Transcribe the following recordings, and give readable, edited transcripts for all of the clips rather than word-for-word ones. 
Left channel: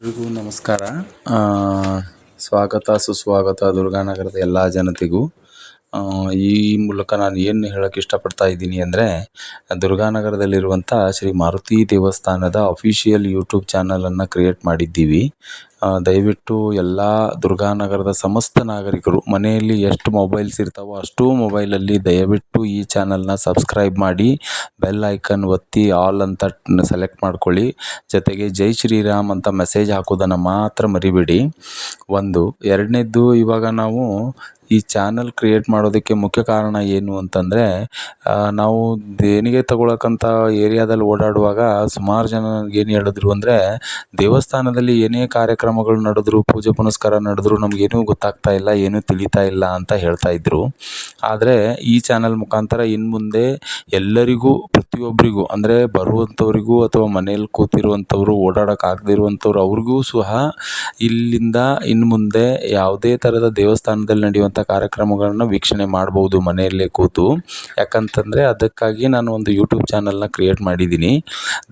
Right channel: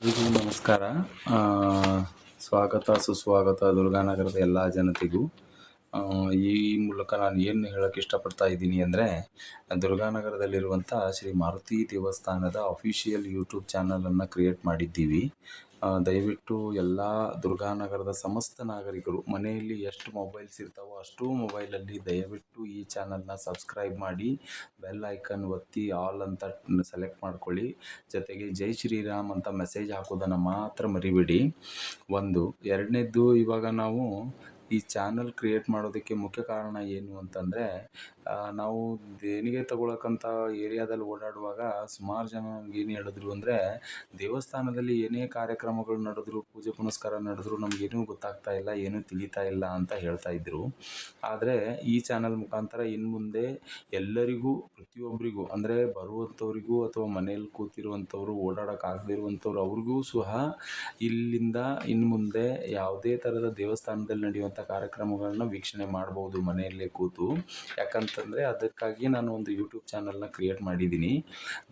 ಎಲ್ರಿಗೂ ನಮಸ್ಕಾರ. ಆ, ಸ್ವಾಗತ ಸುಸ್ವಾಗತ ದುರ್ಗಾನಗರದ ಎಲ್ಲ ಜನತೆಗೂ. ಈ ಮೂಲಕ ನಾನು ಏನು ಹೇಳೋಕ್ಕೆ ಇಷ್ಟಪಡ್ತಾ ಇದ್ದೀನಿ ಅಂದರೆ, ದುರ್ಗಾನಗರದಲ್ಲಿರುವಂಥ ಶ್ರೀ ಮಾರುತಿ ದೇವಸ್ಥಾನದ ಅಫಿಷಿಯಲ್ ಯೂಟ್ಯೂಬ್ ಚಾನಲನ್ನು ಕ್ರಿಯೇಟ್ ಮಾಡಿದ್ದೀವಿ. ದಯವಿಟ್ಟು ಎಲ್ಲ ದುರ್ಗಾನಗರದ ಸಮಸ್ತ ನಾಗರಿಕರು ಮನೆಯಲ್ಲಿ ಎಷ್ಟು ಮೊಬೈಲ್ಸ್ ಇರ್ತಾವೋ ಅಷ್ಟೂ ಮೊಬೈಲಲ್ಲಿ ದಯವಿಟ್ಟು ಈ ಚಾನಲ್ನ ಸಬ್ಸ್ಕ್ರೈಬ್ ಮಾಡಿ, ಬೆಲ್ ಐಕನ್ ಒತ್ತಿ ಆಲ್ ಅಂತ ಸೆಲೆಕ್ಟ್ ಮಾಡ್ಕೊಳ್ಳಿ. ಜೊತೆಗೆ ಜೈ ಶ್ರೀರಾಮ್ ಅಂತ ಮೆಸೇಜ್ ಹಾಕೋದನ್ನು ಮಾತ್ರ ಮರಿಬೇಡಿ. ಒಂದು ಎರಡನೇದ್ದು, ಇವಾಗ ನಾವು ಈ ಚಾನಲ್ ಕ್ರಿಯೇಟ್ ಮಾಡೋದಕ್ಕೆ ಮುಖ್ಯ ಕಾರಣ ಏನು ಅಂತಂದರೆ, ನಾವು ದೇಣಿಗೆ ತಗೊಳಕ್ಕಂಥ ಏರಿಯಾದಲ್ಲಿ ಓಡಾಡುವಾಗ ಸುಮಾರು ಜನ ಏನು ಹೇಳಿದ್ರು ಅಂದರೆ, ದೇವಸ್ಥಾನದಲ್ಲಿ ಏನೇ ಕಾರ್ಯಕ್ರಮಗಳು ನಡೆದ್ರು, ಪೂಜೆ ಪುನಸ್ಕಾರ ನಡೆದ್ರು ನಮಗೇನೂ ಗೊತ್ತಾಗ್ತಾ ಇಲ್ಲ, ಏನೂ ತಿಳಿತಾ ಇಲ್ಲ ಅಂತ ಹೇಳ್ತಾ ಇದ್ದರು. ಆದರೆ ಈ ಚಾನಲ್ ಮುಖಾಂತರ ಇನ್ನು ಮುಂದೆ ಎಲ್ಲರಿಗೂ, ಪ್ರತಿಯೊಬ್ಬರಿಗೂ ಅಂದರೆ ಬರುವಂಥವ್ರಿಗೂ ಅಥವಾ ಮನೇಲಿ ಕೂತಿರುವಂಥವ್ರು, ಓಡಾಡೋಕ್ಕಾಗದೇ ಇರುವಂಥವ್ರು ಅವ್ರಿಗೂ ಸಹ ಇಲ್ಲಿಂದ ಇನ್ನು ಮುಂದೆ ಯಾವುದೇ ಥರದ ದೇವಸ್ಥಾನದಲ್ಲಿ ನಡೆಯುವಂಥ ಕಾರ್ಯಕ್ರಮಗಳನ್ನ ವೀಕ್ಷಣೆ ಮಾಡ್ಬೋದು ಮನೆಯಲ್ಲೇ ಕೂತು. ಯಾಕಂತಂದರೆ ಅದಕ್ಕಾಗಿ ನಾನು ಒಂದು ಯೂಟ್ಯೂಬ್ ಚಾನಲ್ನ ಕ್ರಿಯೇಟ್ ಮಾಡಿದ್ದೀನಿ.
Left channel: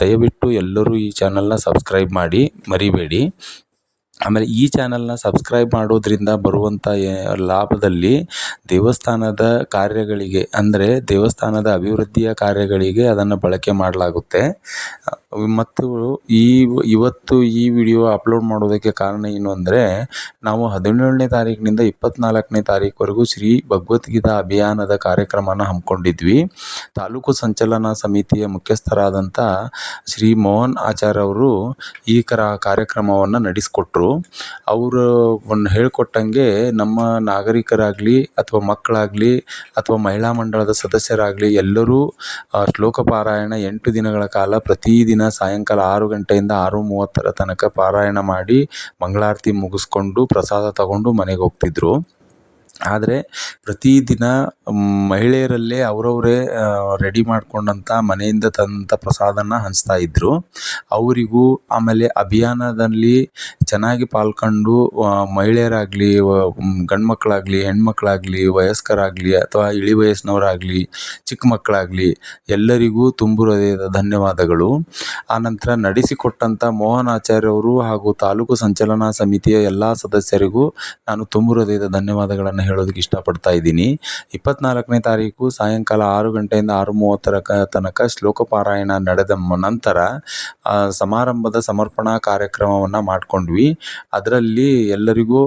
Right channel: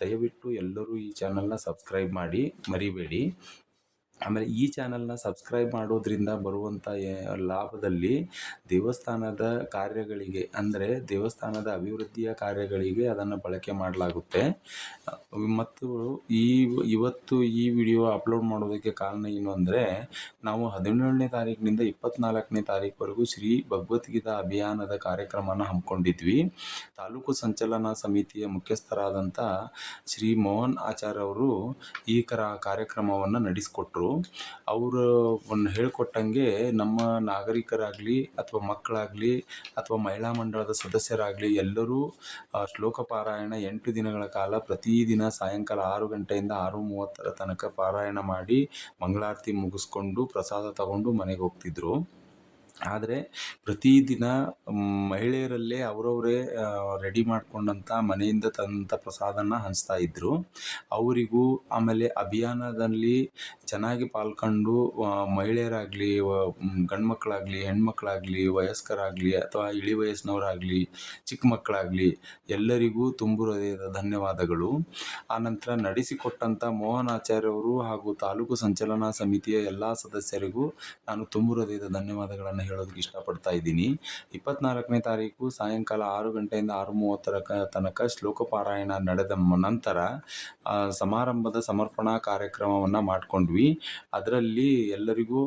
ದಯವಿಟ್ಟು ಎಲ್ಲರೂ ಈ ಚಾನಲ್ನ ಸಬ್ಸ್ಕ್ರೈಬ್ ಮಾಡಿ ಮರಿಬೇಡಿ. ಆಮೇಲೆ ಈ ಚಾನಲ್ನ ಸಬ್ಸ್ಕ್ರೈಬ್ ಮಾಡೋದ್ರಿಂದ ಬರುವಂಥ ಲಾಭದಲ್ಲಿ ದೇವಸ್ಥಾನದ ಕಾರ್ಯಗಳಿಗೆ, ಅಂದರೆ ದೇವಸ್ಥಾನದ ಅಭಿವೃದ್ಧಿಯ ಕಾರ್ಯಗಳಿಗೆ ಅದನ್ನು ಬಳಕೆ ಮಾಡಲಾಗುತ್ತೆ. ಮತ್ತು ಇವತ್ತು ಈ ವಿಡಿಯೋ ಅಪ್ಲೋಡ್ ಮಾಡೋದಕ್ಕೆ ಕಾರಣ ಏನು ಅಂದರೆ, ನಾವು 17ನೇ ತಾರೀಕಿನಿಂದ 24ನೇ ತಾರೀಕುವರೆಗೂ ಶ್ರೀ ಭಗವದ್ಗೀತಾ ಅಭಿಯಾನದ ಕಾರ್ಯಕ್ರಮನ ಹಮ್ಮಿಕೊಂಡಿದ್ವಿ. ತಾಲೂಕು ಸಂಚಲನ ಸಮಿತಿಯ ಮುಖ್ಯಸ್ಥರಾದಂಥ ಶ್ರೀ ಮೋಹನ್ ಆಚಾರ್ಯ ಅವರು ಈ ಕಾರ್ಯಕ್ರಮವನ್ನು ನಡೆಸಿಕೊಟ್ರು. ಅವರು ಹೇಳ್ಕೊಟ್ಟಂಗೆ ನಮ್ಮ ನಾಗರಿಕರಾಗಲಿ ಅಥವಾ ಮಕ್ಕಳಾಗಲಿ ಅಥವಾ ಮಹಿಳಾ ಮಂಡಳದ ಸದಸ್ಯರಾಗಲಿ ಎಲ್ಲರೂ ಶ್ಲೋಕ ಪಾರಾಯಣ 8 ದಿನಗಳ ಕಾಲ ಪ್ರತಿದಿನ ಸಾಯಂಕಾಲ 6 ಗಂಟೆಯಿಂದ 6:30 ತನಕ ಪಾರಾಯಣ ಮಾಡಿ ಮಂಗಳಾರತಿ ಮುಗಿಸ್ಕೊಂಡು ಪ್ರಸಾದ ತಗೊಂಡು ಮನೆಗೆ ಹೋಗ್ತಿದ್ರು. ಆದರೆ ಪ್ರತಿದಿನ ಮಹಿಳೆಯರಲ್ಲೇ ಅವರವರೇ ರೆಡಿ ಮಾಡಿಕೊಂಡಂಥ ಮನೆಯಿಂದ ತಂದಂಥ ಪ್ರಸಾದನ ಹಂಚ್ತಾ ಇದ್ದರು. ಅವರಿಗೂ ಆಮೇಲೆ ಅಭಿಯಾನದಲ್ಲಿ ಚೆನ್ನಾಗಿ ಪಾಲ್ಗೊಂಡು ಮಹಿಳೆಯರಾಗಲಿ, ಗಂಡು ಮಕ್ಕಳಾಗಲಿ, ಹೆಣ್ಮಕ್ಳಾಗಲಿ, ವಯಸ್ಕರಾಗಲಿ ಅಥವಾ ಇಳಿ ವಯಸ್ಸಿನವರಾಗಲಿ, ಚಿಕ್ಕ ಮಕ್ಕಳಾಗಲಿ ಎಲ್ಲರಿಗೂ ತುಂಬು ಹೃದಯದ ಧನ್ಯವಾದಗಳು. ಆನಂತರ ನಡೆಸಿಕೊಟ್ಟಂಥ ಮೋಹನ್ ಆಚಾರ್ಯ ಅವರು ಹಾಗೂ ತಾಲೂಕು ಸಂಚಲನಾ ಸಮಿತಿಯ ಎಲ್ಲ ಸದಸ್ಯರಿಗೂ ನಾನು ತುಂಬು ಹೃದಯದ ಧನ್ಯವಾದಗಳನ್ನು ಹೇಳೋದಕ್ಕೆ ಇಷ್ಟಪಡ್ತಾ ಇದ್ದೀನಿ. 24ನೇ ತಾರೀಕು ಸಾಯಂಕಾಲ 6 ಗಂಟೆಯಿಂದ 6:30 ತನಕ ಶ್ಲೋಕ ಪಾರಾಯಣ ನಡೆದ ನಂತರ ಸಮಾರಂಭದ ಸಮರ್ಪಣಾ ಕಾರ್ಯಕ್ರಮವನ್ನು ಮಾಡಿಕೊಂಡ್ವಿ. ಅದರಲ್ಲಿ ಎಲ್ಲರಿಗೂ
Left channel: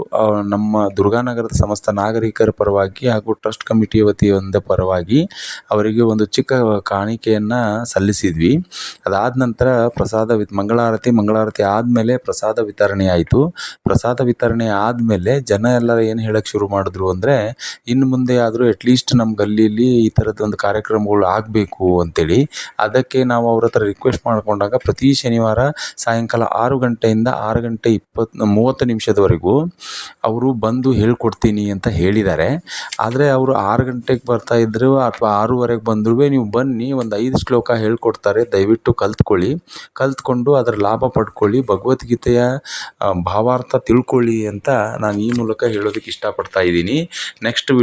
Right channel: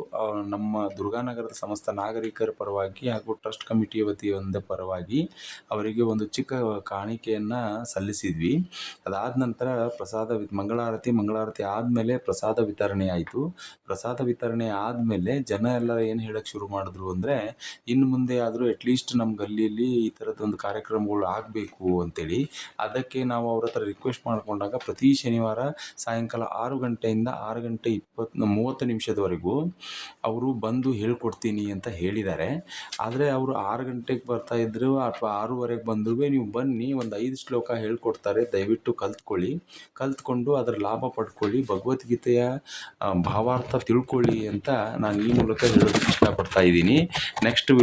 ನಮ್ಮ ದುರ್ಗಾನಗರದ ಸಮಸ್ತ ನಾಗರಿಕರ ಪರವಾಗಿ ಹಾಗೂ ಟ್ರಸ್ಟ್ ಕಮಿಟಿಯ ವತಿಯಿಂದ ಪರವಾಗಿ ಅವರಿಗೆ ಒಂದು ಚಿಕ್ಕ ಕಾಣಿಕೆಯನ್ನು ಸಲ್ಲಿಸಿದ್ವಿ. ಅದಾದ ನಂತರ ಮಂಗಳಾರತಿ ಆದಮೇಲೆ ಪ್ರಸಾದ ವಿತರಣೆ ಆಯಿತು. ಪ್ರಸಾದ ವಿತರಣೆ ಆದಮೇಲೆ ಜನ ಎಲ್ಲರೂ ಏನು ಹೇಳೋಕ್ಕೆ ಶುರು ಮಾಡಿದ್ರು ಅಂದರೆ, ಇನ್ನು ಮುಂದೆ ಆದರೂ ಅಟ್ಲೀಸ್ಟ್ ನಮ್ಮ ಗಲ್ಲಿಯಲ್ಲಿ ಈ ಥರದ್ದು ಒಂದು ಕಾರ್ಯಕ್ರಮಗಳು ಆಗಬೇಕು ಅಂತೇಳಿ. ಅದಕ್ಕೆ ನಾವು ಅವ್ರ ಹತ್ರ ರಿಕ್ವೆಸ್ಟ್ ಮಾಡಿಕೊಂಡಾಗ ಪ್ರತಿ ಶನಿವಾರ ಸಾಯಂಕಾಲ 6 ಗಂಟೆಯಿಂದ 6:30 ಅವರು ಬಂದು ಹೇಳ್ಕೊಡ್ತೀನಿ ಅಂತ ಹೇಳಿದ್ದಾರೆ. ಆದರೆ ಅವರು 6 ಗಂಟೆಗೆ ಬರ್ತಾಯಿದ್ರು ಅಥವಾ 6:15 ಬಂದರೂ ನೀವು ಬನ್ನಿ, ಒಂದು 5 ಶ್ಲೋಕ ಹೇಳ್ಕೊಡ್ತಾರೆ, ದಯವಿಟ್ಟು ಕಲ್ತ್ಕೊಂಡು ಅದರ ಲಾಭ ಪಡ್ಕೊಳ್ಳಿ, ಭಗವದ್ಗೀತೆಯ ಭಾವಾರ್ಥ ತಿಳ್ಕೊಳ್ಳಿ ಅಂತ ನಾನು ಈ ಮೂಲಕ ಹೇಳೋದಕ್ಕೆ ಇಷ್ಟಪಡ್ತಾ ಇದ್ದೀನಿ. ನೆಕ್ಸ್ಟ್